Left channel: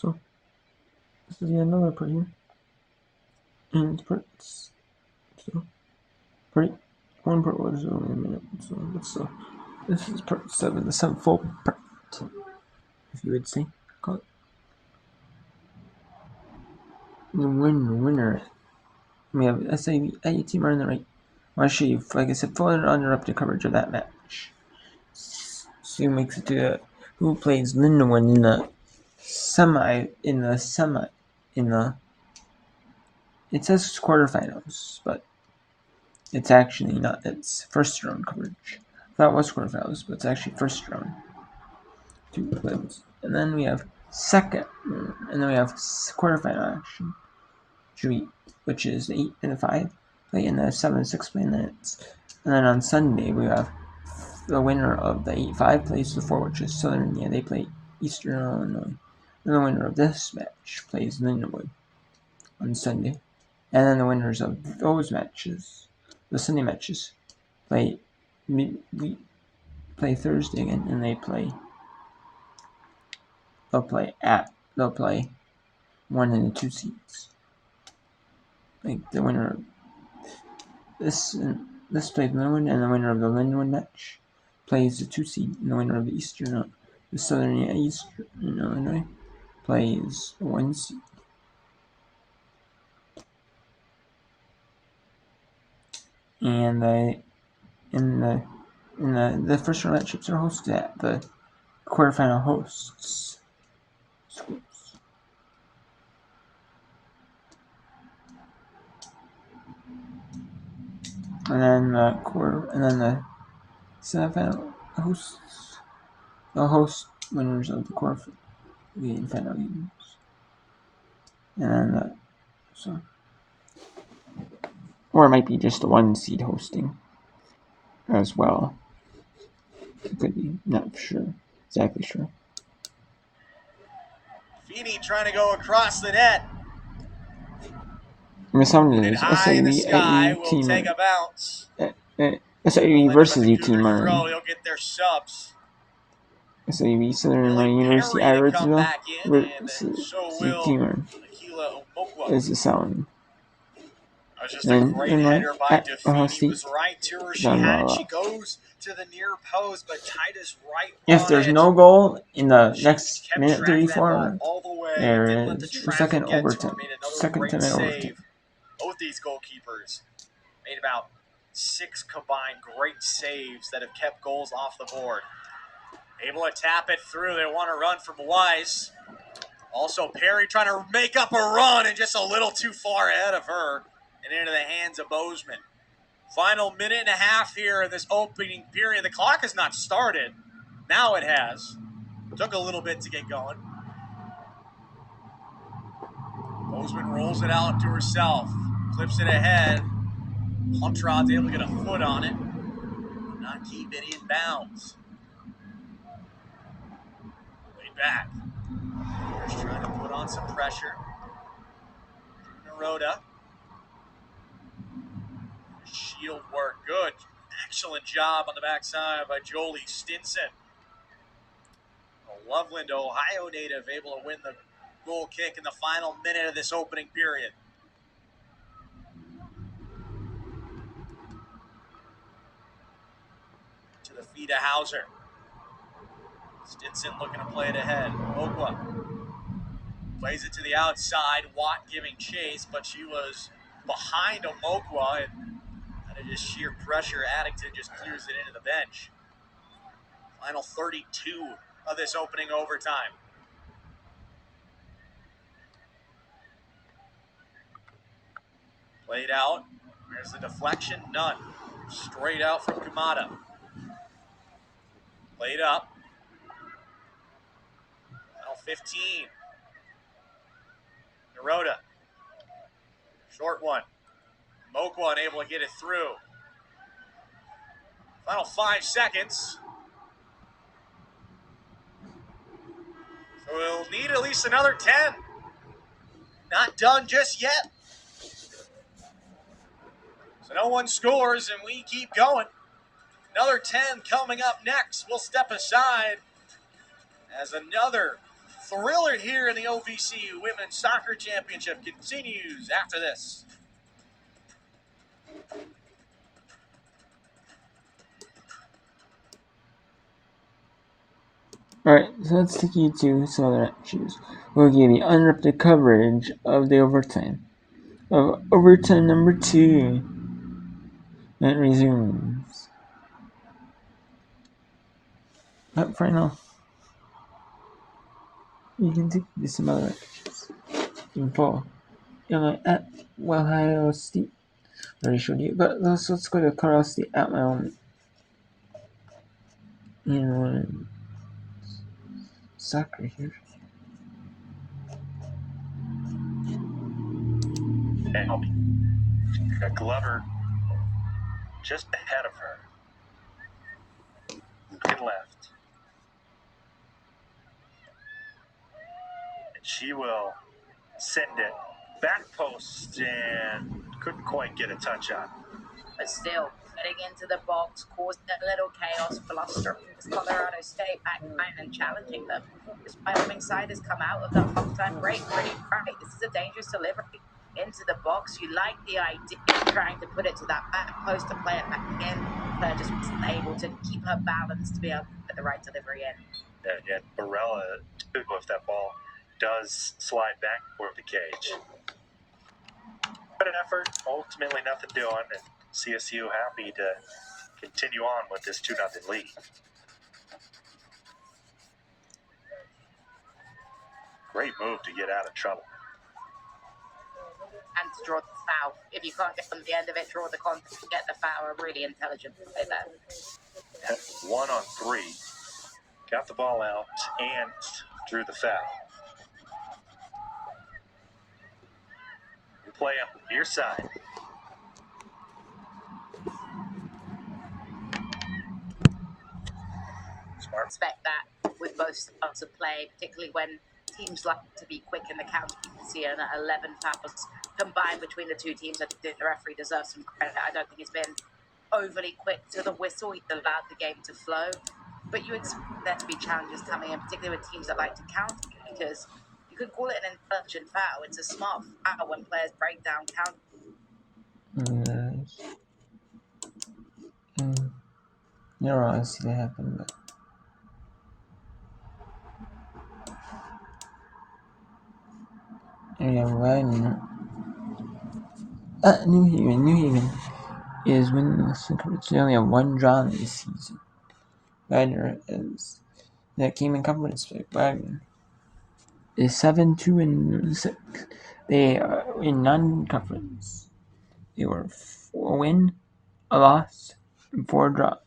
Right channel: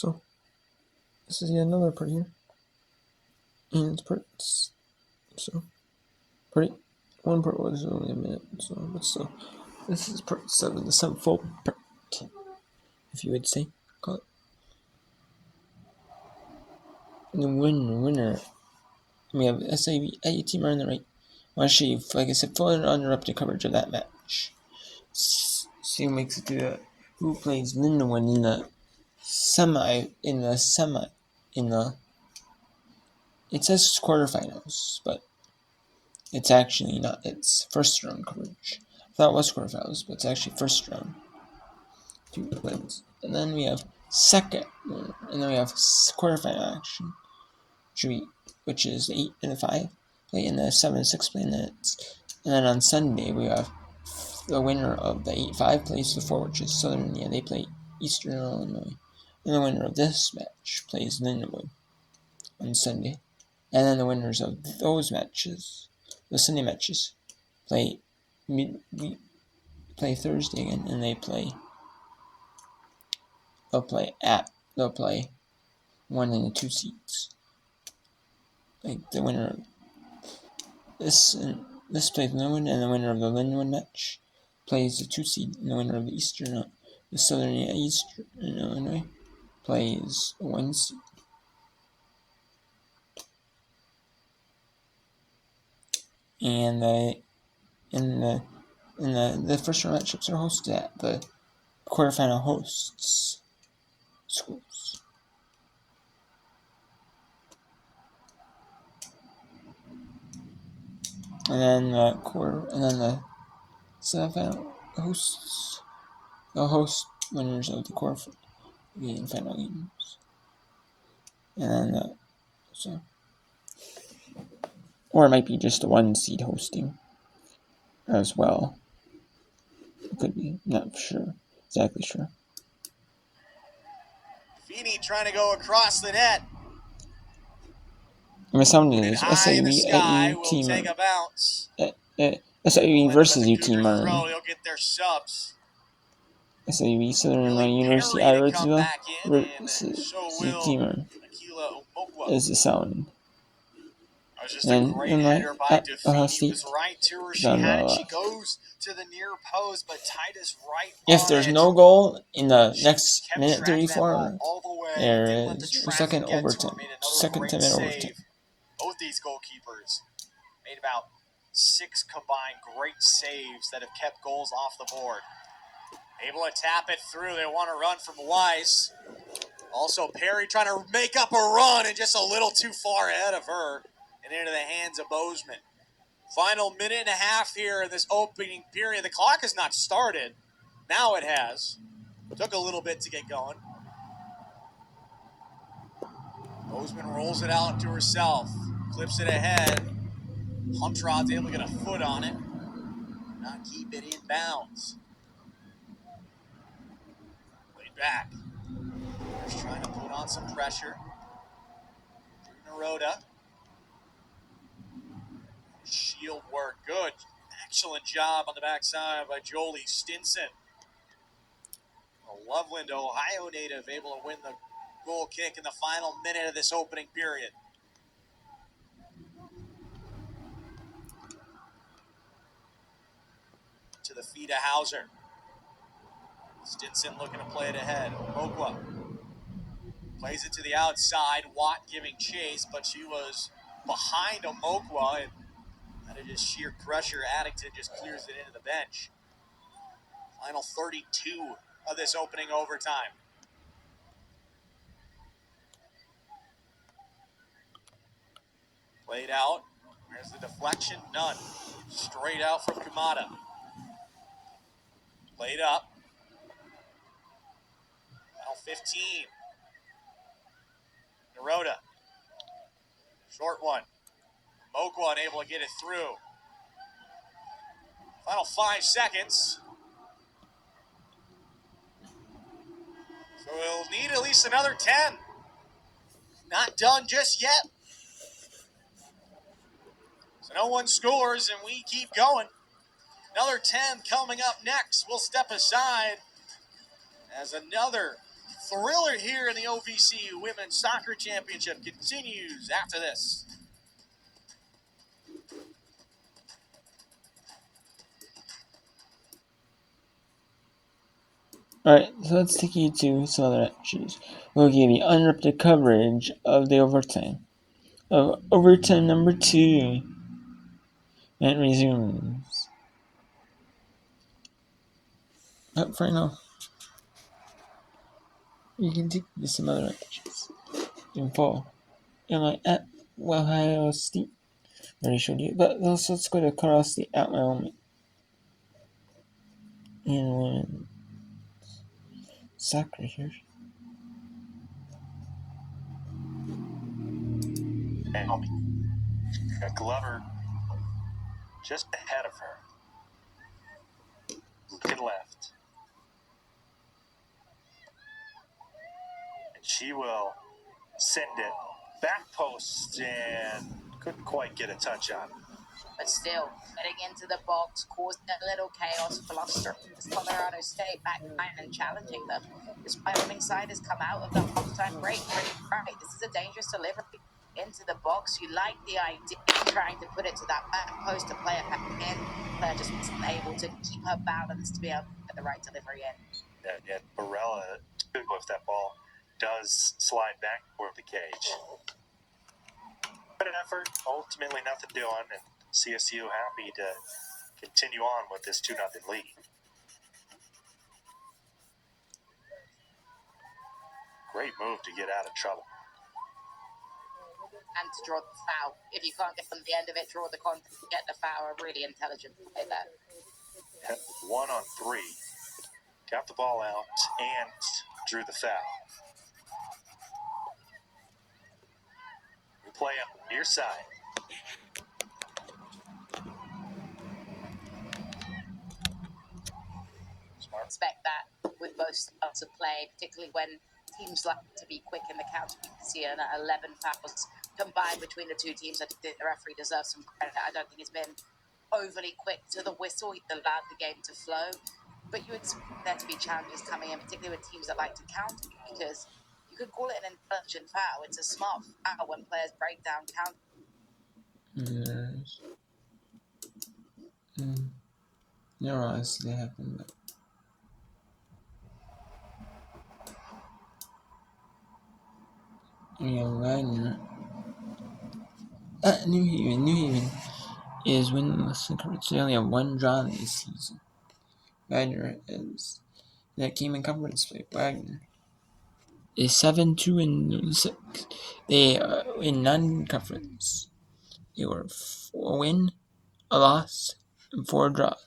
So this is yet another part here. And it's parts. So part 1 part was only a minute. So this is part 7, the 7th full part, if you would say. Call it. And the winner. We have SAB team are on the right. I want to show you, like I said, full and uninterrupted coverage of that match. See who makes it to who plays Lindenwood in the semi. It says quarterfinals, but it's actually not. It's first round coverage. I thought it was quarterfinals, but it's actually first round. 2 wins, and then we have second, and then we have quarterfinal action, which is 8 and 5 play in the 7 and 6 play minutes, and then on Sunday we have the winner of the 8-5 plays the 4, which is Southern Indiana. They play Eastern Illinois, and the winner of this match plays Lindenwood on Sunday, and then the winners of those matches, the Sunday matches, play Thursday again, and they'll play 1 and 2 seeds. Like the winner of this plays Lindenwood, and the winner of the Lindenwood match plays the 2 seed, and the winner of the Southern Eastern Illinois plays 1 seed. And the first round matchups are hosted at the quarterfinal hosts schools. And then the semifinal hosts, the host winners of the quarterfinal and final games. And then or it might be just the 1 seed hosting as well. It could be, not exactly sure. Feeney trying to go across the net. I'm assuming it is SIUE at U team. SIUE versus U team are. He'll get their subs. SIUE Southern Illinois University Iridsville versus U team is the sound. Then Illinois at Ohio State. She goes to the near post, but Titus right. If there's no goal in the next minute 34, there is the second 10-minute overtime. Both these goalkeepers made about 6 combined great saves that have kept goals off the board. Able to tap it through. They want to run from Weiss. Also, Perry trying to make up a run and just a little too far ahead of her and into the hands of Bozeman. Final minute and a half here in this opening period. The clock has not started. Now it has. Took a little bit to get going. Bozeman rolls it out to herself. Clips it ahead. Huntrod's able to get a foot on it. Not keep it in bounds. Way back. Just trying to put on some pressure. Naroda. Shield work. Good. Excellent job on the backside by Jolie Stinson. A Loveland, Ohio native, able to win the goal kick in the final minute of this opening period. To the feet of Hauser. Stinson looking to play it ahead. Okwa plays it to the outside. Watt giving chase, but she was behind Omokwa, and out of just sheer pressure, Addington just clears it into the bench. Final 32 of this opening overtime. Played out. There's the deflection. None. Straight out from Kumada. Played up. Final 15. Naroda. Short one. Moqua unable to get it through. Final 5 seconds. So we'll need at least another 10. Not done just yet. So no one scores and we keep going. Another 10 coming up next. We'll step aside as another thriller here in the OVC Women's Soccer Championship continues after this. Alright, so let's take you to some other matches. We'll give you uninterrupted coverage of the overtime. Of overtime number 2. And it resumes. But for now, you can take you to some other matches. In fall. At Ohio State. I already showed you. But let's go to Colorado State at Wyoming. And one soccer here. Got Glover just ahead of her. To the left. And she will send it back post and couldn't quite get a touch on. But still, getting into the box caused a little chaos, blustering Colorado State back line and challenging them. This Wyoming side has come out of the halftime break pretty bright. This is a dangerous delivery into the box. You like the idea of trying to put it to that back post to play it back in. Player just wasn't able to keep her balance to be able to put the right delivery in. And Barella, if that ball does slide back toward the cage. But an effort, ultimately nothing doing, and CSU happy to continue on with this 2-0 lead. Great move to get out of trouble. And to draw the foul. If you can't get them the end of it, draw the contact, get the foul. A really intelligent play there. At 1-on-3, got the ball out and drew the foul. We play up near side. Smart. Expect that with both styles of play, particularly when teams like to be quick in the counter. You can see 11 fouls combined between the two teams. I think the referee deserves some credit. I don't think it's been overly quick to the whistle. He allowed the game to flow. But you expect there to be challenges coming in, particularly with teams that like to counter, because you could call it an intelligent foul. It's a smart foul when players break down counter. Never want to see that happen, but here you have Wagner at New Haven. New Haven is winning this conference. They only have one draw this season. Wagner is that came in conference play. Wagner is 7-2-6. They are in non-conference. They were 4 win, a loss, and 4 draws.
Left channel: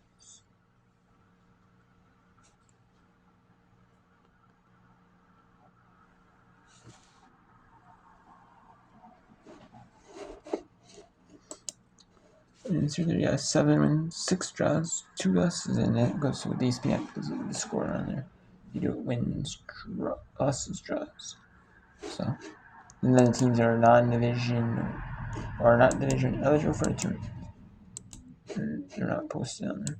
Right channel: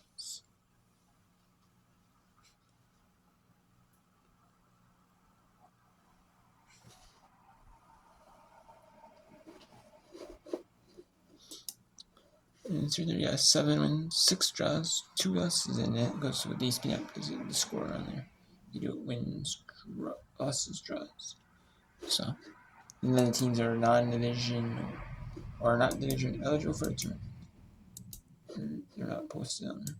And so there, yeah, 7 wins, 6 draws, 2 losses, and it goes with these ESPN because of the score on there. You do wins, losses, draws. So, and then the teams are non-division or not division eligible for a tournament. They're not posted on there.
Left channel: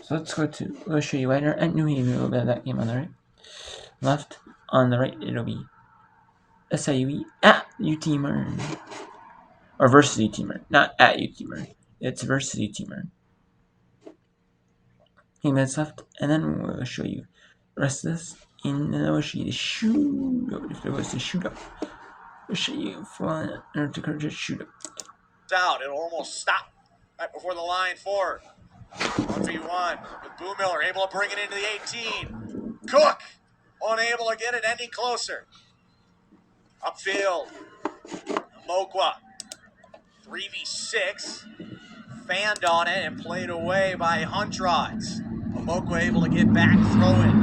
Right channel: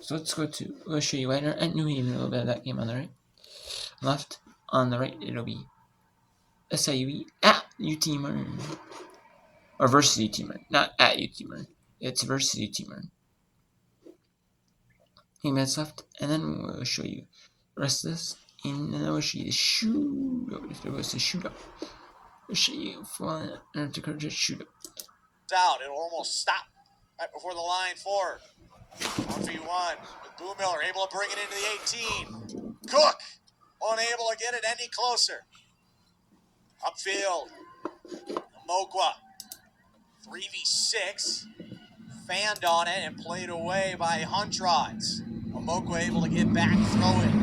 So we'll show you Wagner at New Haven, a little bit of that game on the right. Left, on the right, it'll be SIUE at UT Martin. Or versus UT Martin, not at UT Martin. It's versus UT Martin. He minutes left, and then we'll show you the rest of this. And then we'll show you the shootout. If there was a shootout, we'll show you flying to encourage a shootout. Out, it'll almost stop right before the line for 3-1. Boom Miller able to bring it into the 18. Cook unable to get it any closer. Upfield, Mokwa, 3v6, fanned on it and played away by Huntrods. Mokwa able to get back throwing.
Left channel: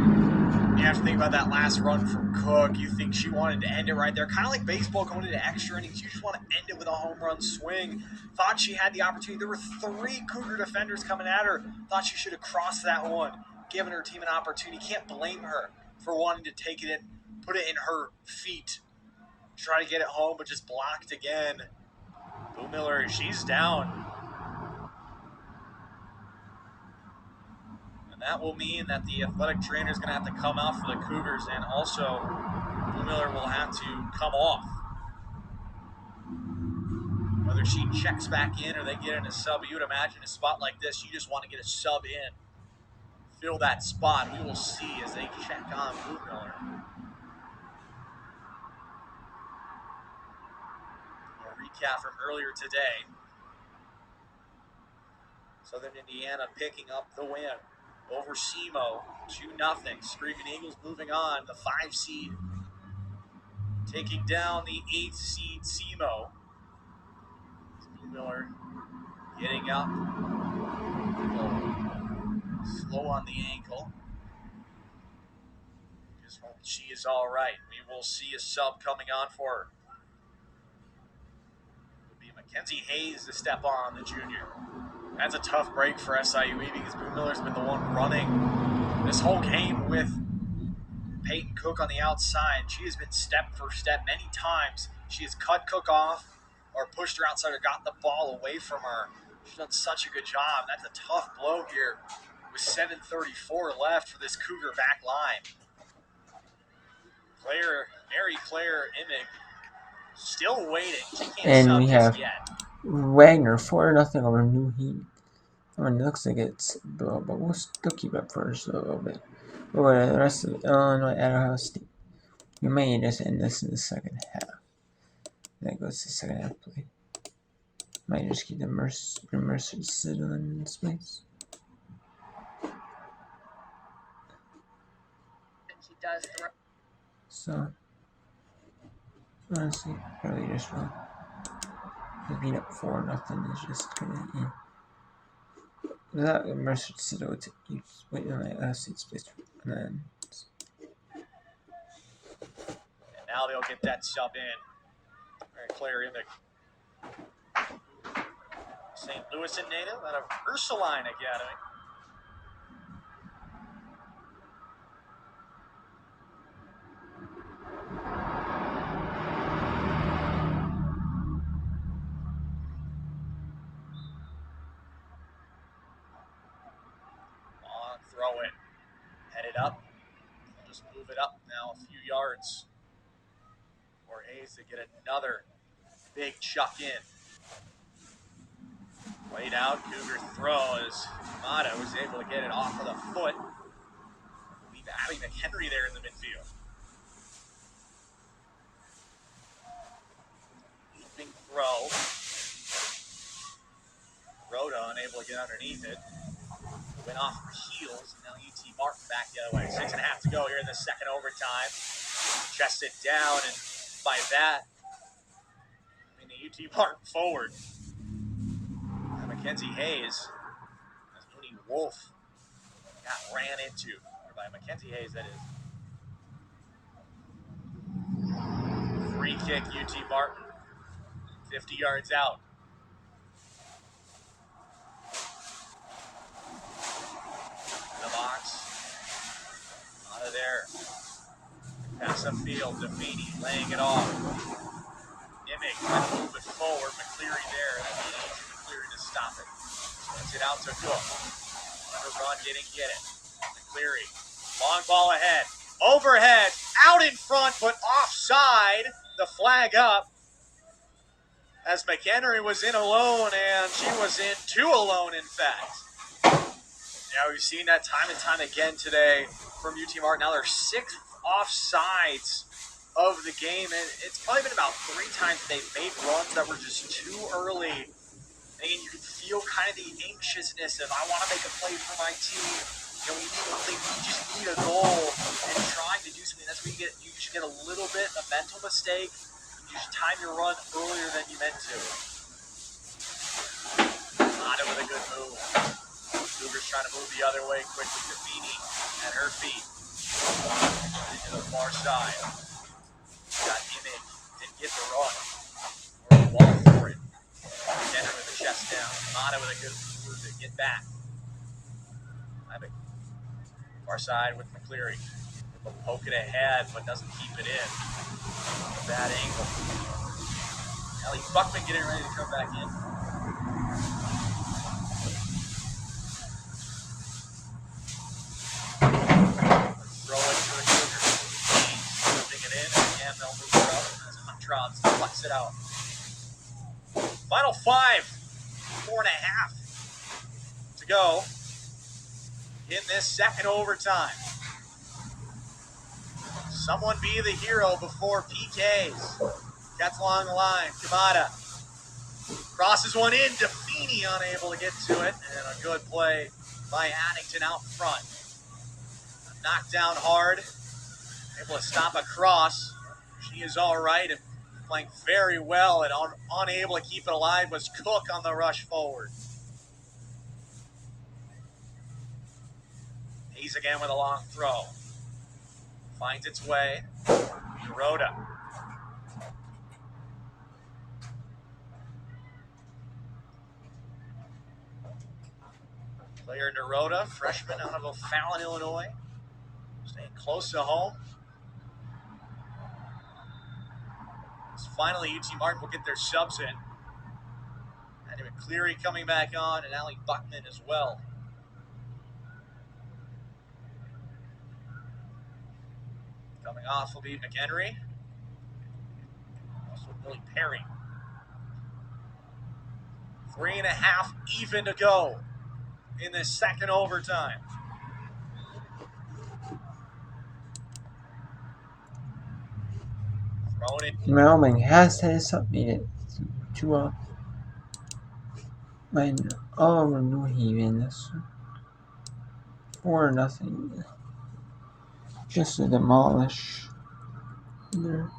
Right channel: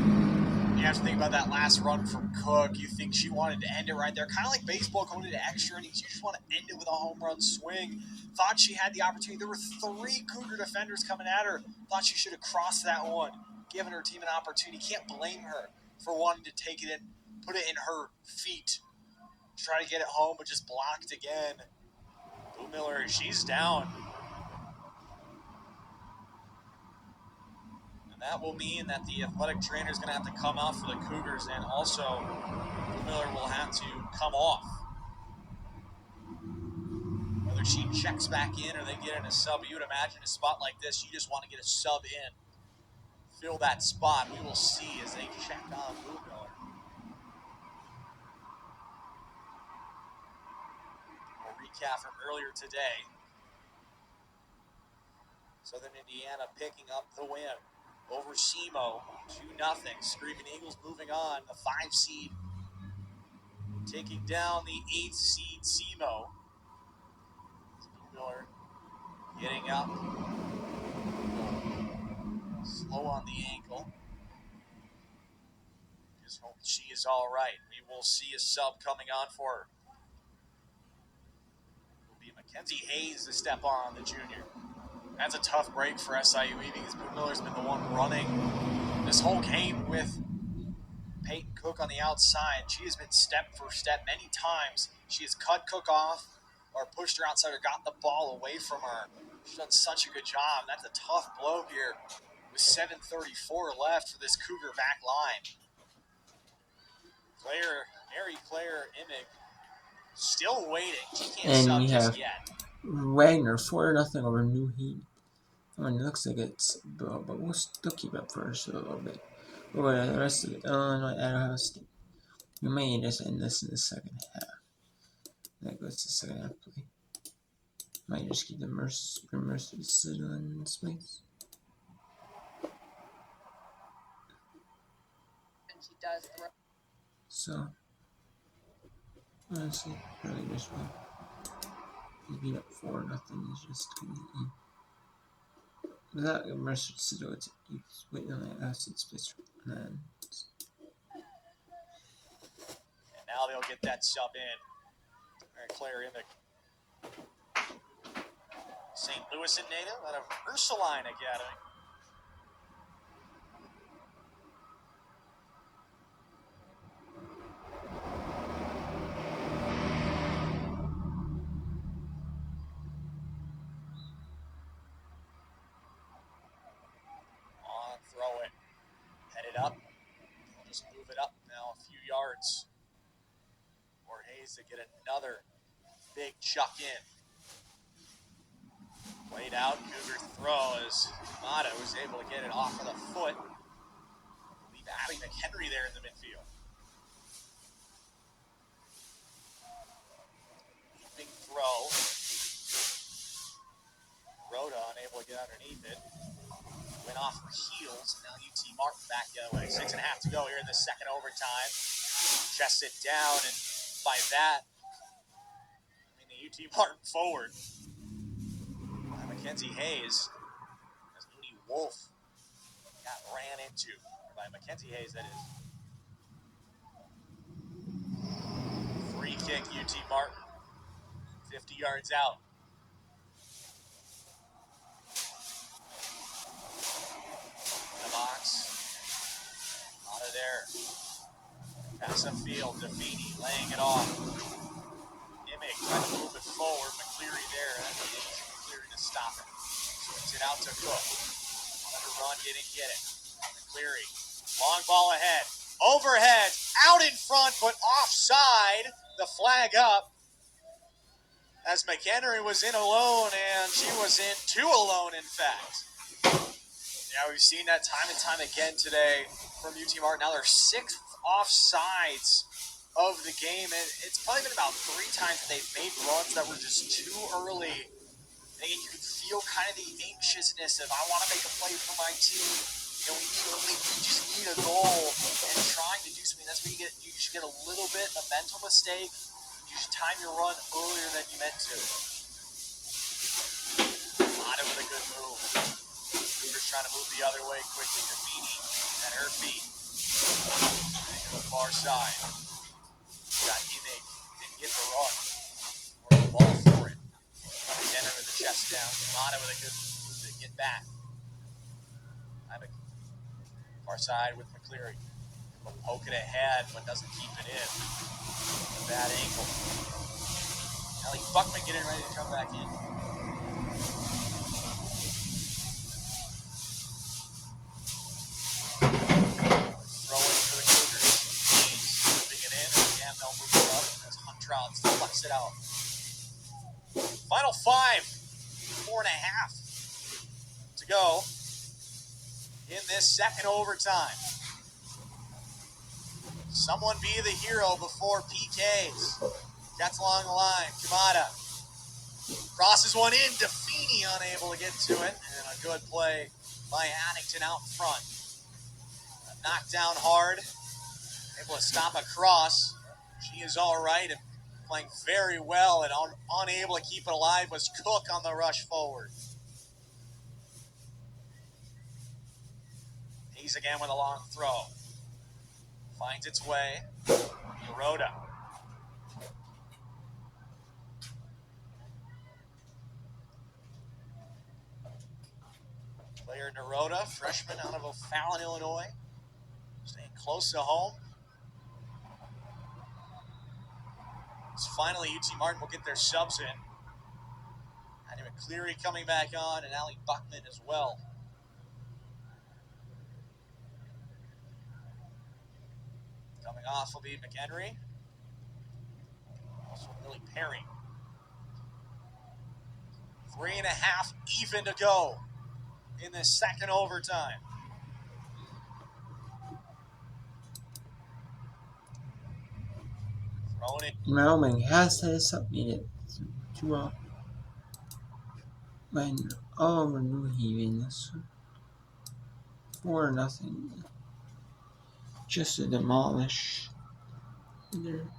You have to think about that last run from Cook. You think she wanted to end it right there. Kind of like baseball going into extra innings. You just want to end it with a home run swing. Thought she had the opportunity. There were 3 Cougar defenders coming at her. Thought she should have crossed that one, given her team an opportunity. Can't blame her for wanting to take it in, put it in her feet. Try to get it home, but just blocked again. Blue Miller, she's down. And that will mean that the athletic trainer is going to have to come out for the Cougars, and also Blue Miller will have to come off. Whether she checks back in or they get in a sub, you would imagine a spot like this, you just want to get a sub in. Fill that spot. We will see as they check on Blue Miller. A recap from earlier today. Southern Indiana picking up the win over SEMO, 2-0. Screaming Eagles moving on. The 5 seed taking down the 8 seed SEMO. Blue Miller getting up. Slow on the ankle. Just hope she is all right. We will see a sub coming on for her. It will be Mackenzie Hayes to step on, the junior. That's a tough break for SIUE because Blue Miller's been the one running this whole game with Peyton Cook on the outside. She has been step for step many times. She has cut Cook off or pushed her outside or got the ball away from her. She's done such a good job. That's a tough blow here with 7:34 left for this Cougar back line. Mary Claire Imig still waiting. She can't And sub we just have yet. Wagner 4-0 over New Heat. I mean, it looks like it's but we'll still keep up for us a little bit. But the rest of Illinois at Ohio State. We may just end this in the second half. That goes to second half play. Might just keep the Mercer sit in space. And she does throw. So honestly, probably just wrong. Being up 4-0 is just gonna without Mercer Citadel to wait on the Ohio State space and then. And now they'll get that sub in. Mary Claire Imig. St. Louis native out of Ursuline Academy. On throw it. Headed up. Just move it up now a few yards. For Hayes to get another big chuck in. Laid out, Cougar throws. Mata was able to get it off of the foot. Leave Abby McHenry there in the midfield. Leaping throw. Rhoda unable to get underneath it. Went off her heels. Now UT Martin back the other way. 6.5 to go here in the second overtime. Chested down, and by that, I mean the UT Martin forward. Mackenzie Hayes, as Mooney Wolf got ran into, or by Mackenzie Hayes, that is. Free kick, UT Martin, 50 yards out. In the box, out of there. Pass upfield, Defini laying it off. Imig trying to move it forward, McCleary there, and to stop it. Swings it out to Cook. Let her run, didn't get it. McCleary. Long ball ahead. Overhead. Out in front, but offside. The flag up. As McHenry was in alone, and she was in 2 alone, in fact. Yeah, we've seen that time and time again today from UT Martin. Now they're 6th offsides of the game, and it's probably been about 3 times they've made runs that were just too early. And you can feel kind of the anxiousness of, I want to make a play for my team. You know, we just need a goal and trying to do something. That's when you just get a little bit of mental mistake. You just time your run earlier than you meant to. Mata with a good move. Cougars trying to move the other way quickly. Defini at her feet. To the far side. Got Imig. Didn't get the run. Or the ball for it. Get her with the chest down. Mata with a good move to get back. Far side with McCleary. Will poke it ahead, but doesn't keep it in. Bad angle. Allie Buckman getting ready to come back in. Rolling for the Cougars. Slipping it in. And they'll move it over as Huntrons flex it out. Final 5. 4.5 to go in this second overtime. Someone be the hero before PKs. Gets along the line. Kamada crosses one in. Defini unable to get to it. And a good play by Addington out front. A knockdown hard. Able to stop a cross. She is all right and playing very well, and unable to keep it alive was Cook on the rush forward. Hayes again with a long throw. Finds its way. Rhoda. Player Naroda, freshman out of O'Fallon, Illinois. Staying close to home. So finally, UT Martin will get their subs in. And Cleary coming back on, and Allie Buckman as well. Coming off will be McHenry. Also Billy Perry. 3.5 even to go in this second overtime. Thrown in. Wyoming has submitted to when over New Haven 4-0. Just to demolish their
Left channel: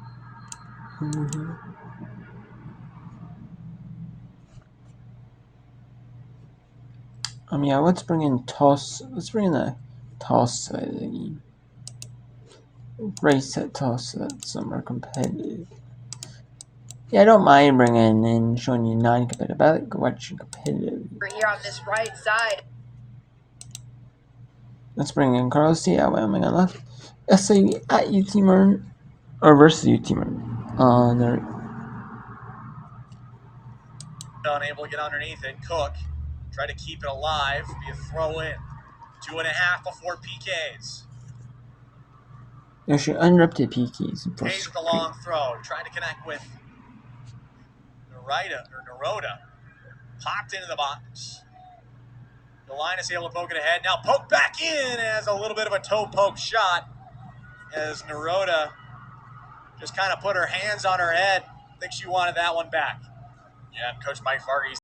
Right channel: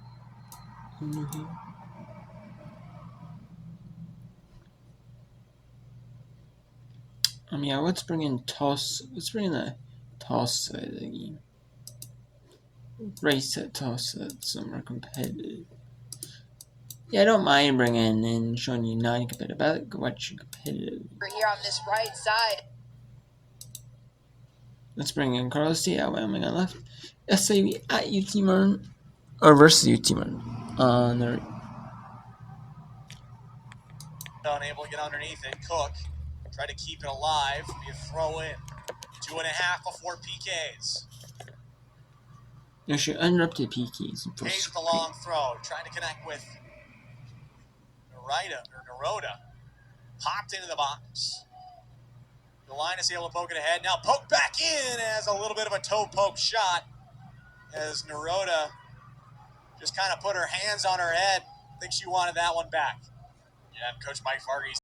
New Haven. Yeah, let's bring in toss. Let's bring in the toss side of the game. Race at toss so that some are competitive. Yeah, I don't mind bringing in showing you non-competitive. I like watching competitive. We're here on this right side. Let's bring in Carlos T at Wyoming on left. SAV at UT Martin or versus UT Martin on the. Unable to get underneath it. Cook tried to keep it alive. Be a throw in. 2.5 before PKs. No, she uninterrupted PKs. Hayes with a long throw. Trying to connect with Naroda. Popped into the box. The line is able to poke it ahead. Now poke back in as a little bit of a toe poke shot. As Naroda just kind of put her hands on her head. I think she wanted that one back. Yeah, Coach Mike Farley's